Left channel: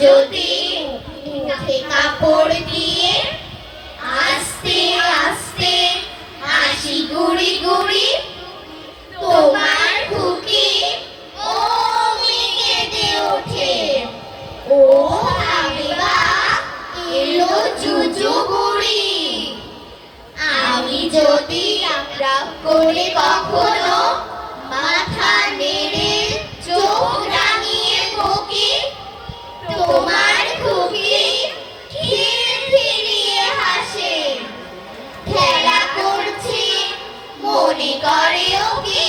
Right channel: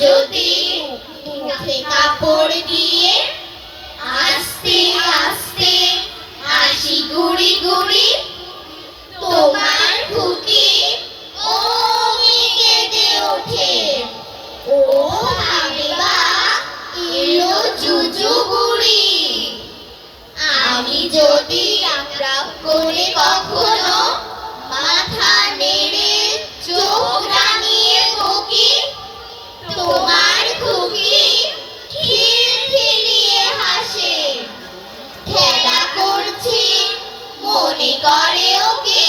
যদি মুখে কাপড় দিয়ে তোমার খুকি খিলখিলিয়ে হাসে। খেলা করছি মনে করে ওকে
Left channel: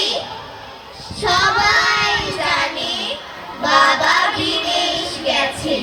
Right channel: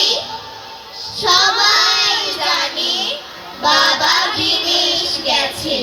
সবাই জানে বাবা বিদেশ গেছে।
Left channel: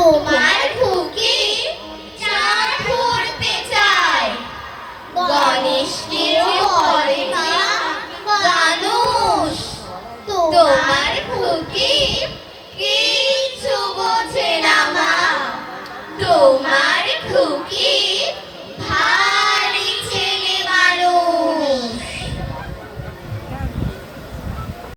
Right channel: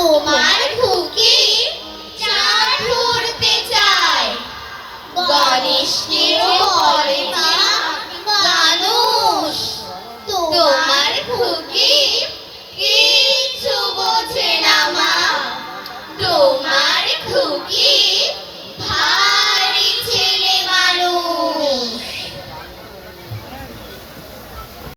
তোমার খুকি চাঁদ ধরতে চায় গণেশকেও বলে না মানুষ তোমার খুকি কি